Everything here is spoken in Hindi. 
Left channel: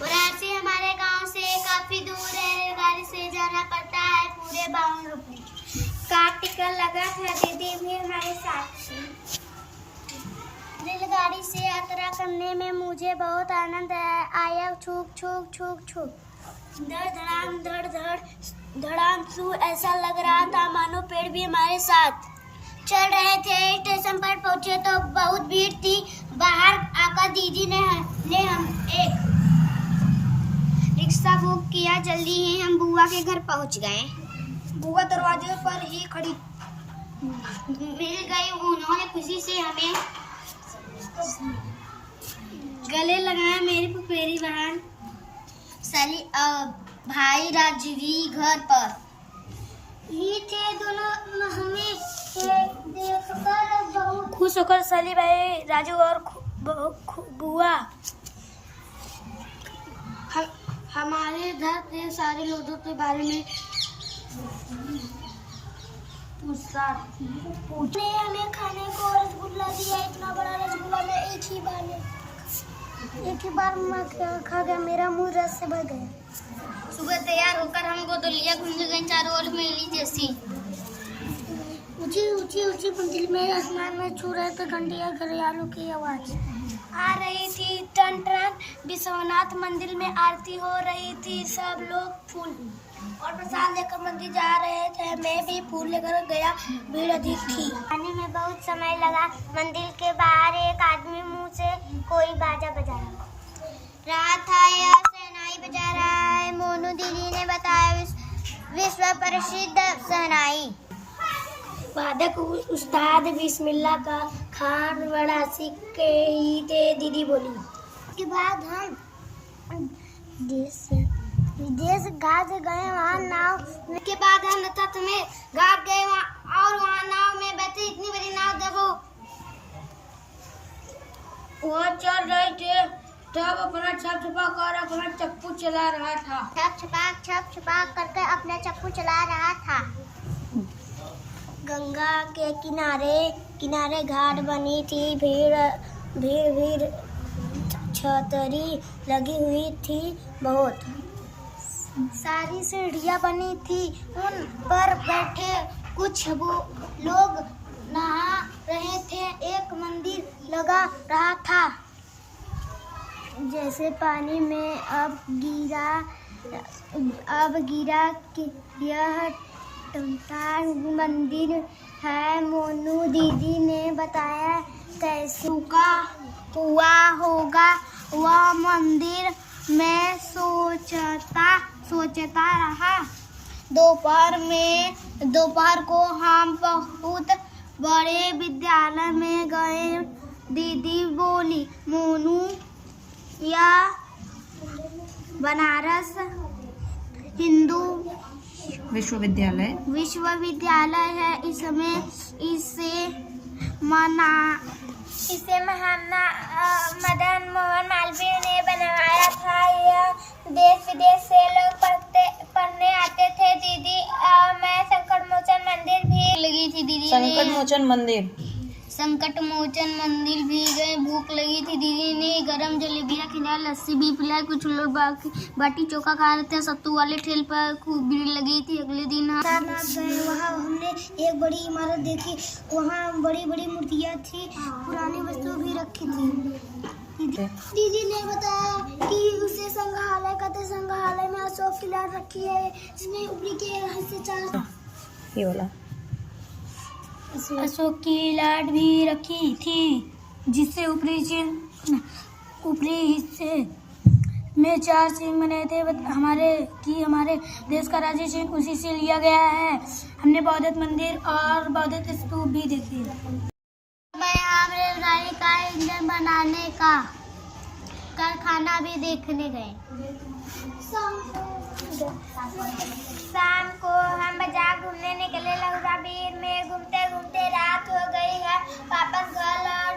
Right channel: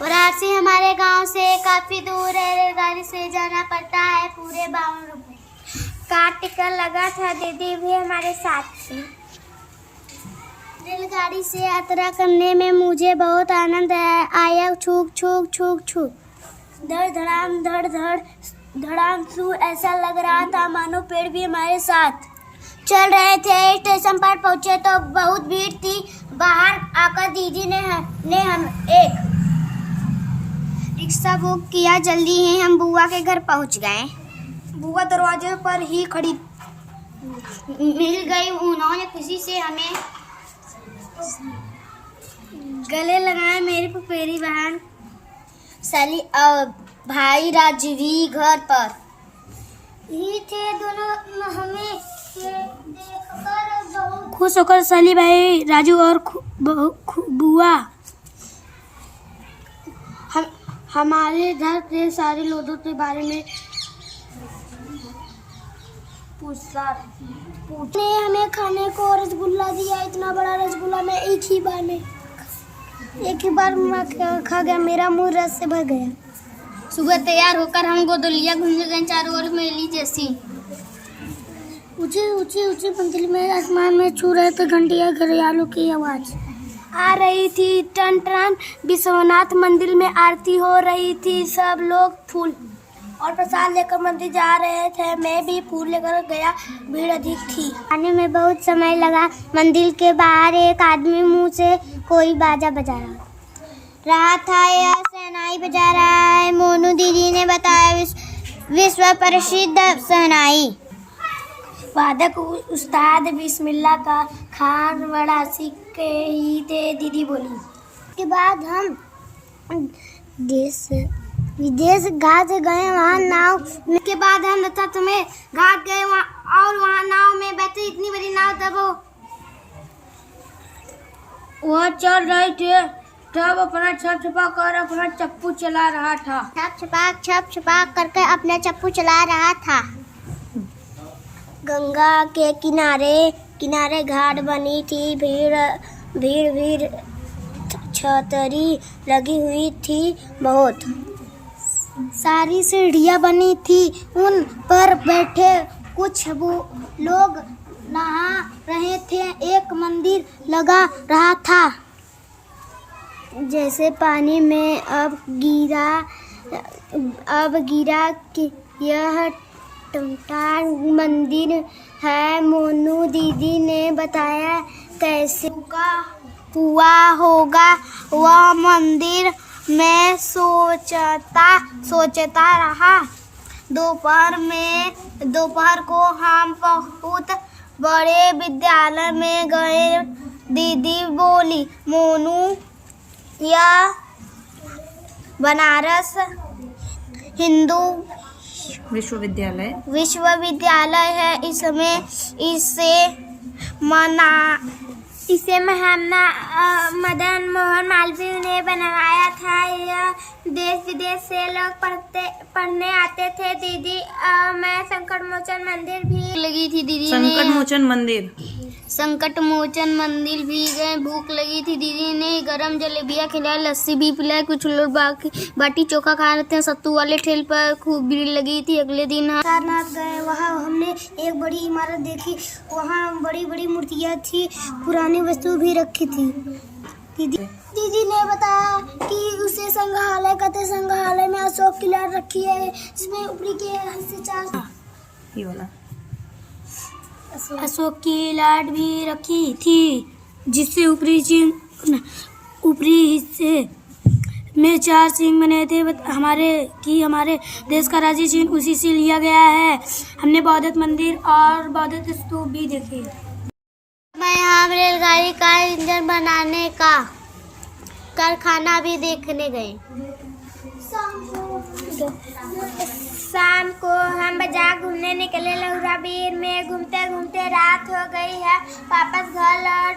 वाराणसी हमारे गांव से काफी दूर है, रेलगाड़ी से जाना पड़ता है पूरे 52 रुपए। कार टिकट लगा था, दीदी भी हमारे साथ थी। रेलगाड़ी से यात्रा करने में मुझे बहुत आनंद आया। छूक छूक छूक छूक धड़ धड़ाम धड़ धड़ धड़ाम छू, ऐसा लग रहा था मानो पेड़ भी हमारे साथ चल रहे थे। स्टेशन पर पहुंचे तो बहुत भीड़ थी। बाहर आकर दीदी ने हम एक रिक्शा बुक किया। जल्दी ही हम बुआ के घर पहुंच गए। बुआ दरवाजे पर ही खड़ी मिल गई। उन्होंने खुशी से हमें गले लगाया। मेरी पुपेरी बहन साली और भाई राजवी घर पर ही थे। दोनों हमें देखकर बहुत खुश होकर साली भाई राजू और बुआ हमारे घर के सारे लोगों के बारे में पूछने हमें खाने को रसगुल्ला दिया। इतना बड़ा रसगुल्ला मैं एक ही बार मैं खा गया। मेरा मुंह रस से भर गया। सुबह तैयार होकर हम गोदलिया घूमने गए। चारों ओर मेली जैसी ऊंची ऊंची ऊंची मंजिल में आसमान में छू रहे थे घंटियां, घड़ियालों की आवाज आ रही थी। टन टन विश्वनाथ मंदिर में आरती हो रही थी। सब लोग फूल और प्रसाद लेकर मंदिर जा रहे थे। मैं भी फूल लेकर गया। भीड़ अधिक थी। आने में बहुत समय लगा। मंदिर के बाहर एक आदमी मुंह से कोई बाजा बजा रहा था। यह शहनाई बजा रहा है। मोनू दीदी ने बताया विश्व प्रसिद्ध शहनाई वादक उस्ताद बिस्मिल्लाह का खान वाराणसी के ही थे। दीदी बोली। के बाद हम देश विदेश घाट गए। वहाँ नाव के बाद हम रथ में घाट गए और वहाँ नाव में बैठे। इतनी बड़ी नाव तब वो चल रही थी। तब अपना छप छपा कर अपना चप्पू चला रहा था। छप छपा करके अपना चप्पू चला रहा था। गंगा के किनारे घाट बनी थी। भीड़ छतरी लगी हुई थी। बहुत सारी सीढ़ियाँ बनी थी। उन पर बैठे कुछ वो लोग नहा रहे थे। एक मंदिर लगा रहा था जैसे पानी में अब गिरा कि यह टमटार मंदिर है। मोनू दीदी ने बताया कैसे हुआ होगा। वह मंदिर में सोचता रहा। दोपहर को हम बहुत बड़े विद्यालय में गए। दीदी बोली, मोनू यह बनारस हिंदू विश्वविद्यालय है। इसे महात्मा मदन मोहन मालवीय ने बनवाया था। यह देश विदेश से लोग पढ़ने आते थे। दीदी मैं संकटमोचन मंदिर भी लगी थी। दीदी संकट मोचन मंदिर भी गए। भूख लगी थी। दीदी ने गरम जलेबियाँ खिलाई, लस्सी भी पिलाई। कुछ लोग बाटी चोखा खा रहे थे। सत्तू वाले ठेल पर खूब भीड़ लगी थी। अगले दिन सारनाथ गए। वहाँ हमने एक बड़ी इमारत देखी। वहाँ बड़ी बड़ी मूर्तियाँ थी। पुरानी वस्तु भी रखी थी। दीदी ने बताया कि उसे संग्रहालय कहते। संग्रहालय में अशोक की लाट रखी है। इसमें ऊपरी के हिस्से 4 ये वाला अशोक की लाट भी रखी थी, जिससे ऊपरी हिस्से में 4 सिंह बने थे। हमारे देश का राज्य चिन्ह उसी से लिया गया है। हमने बौद्ध मंदिर और बौद्ध स्तूप भी देखे। मैं यहाँ रेलगाड़ी का इंजन बनाने का कारखाना भी देखने गए। शाम को हम बाजार घूमने निकले। लहुरा बीर में वापस घर लौट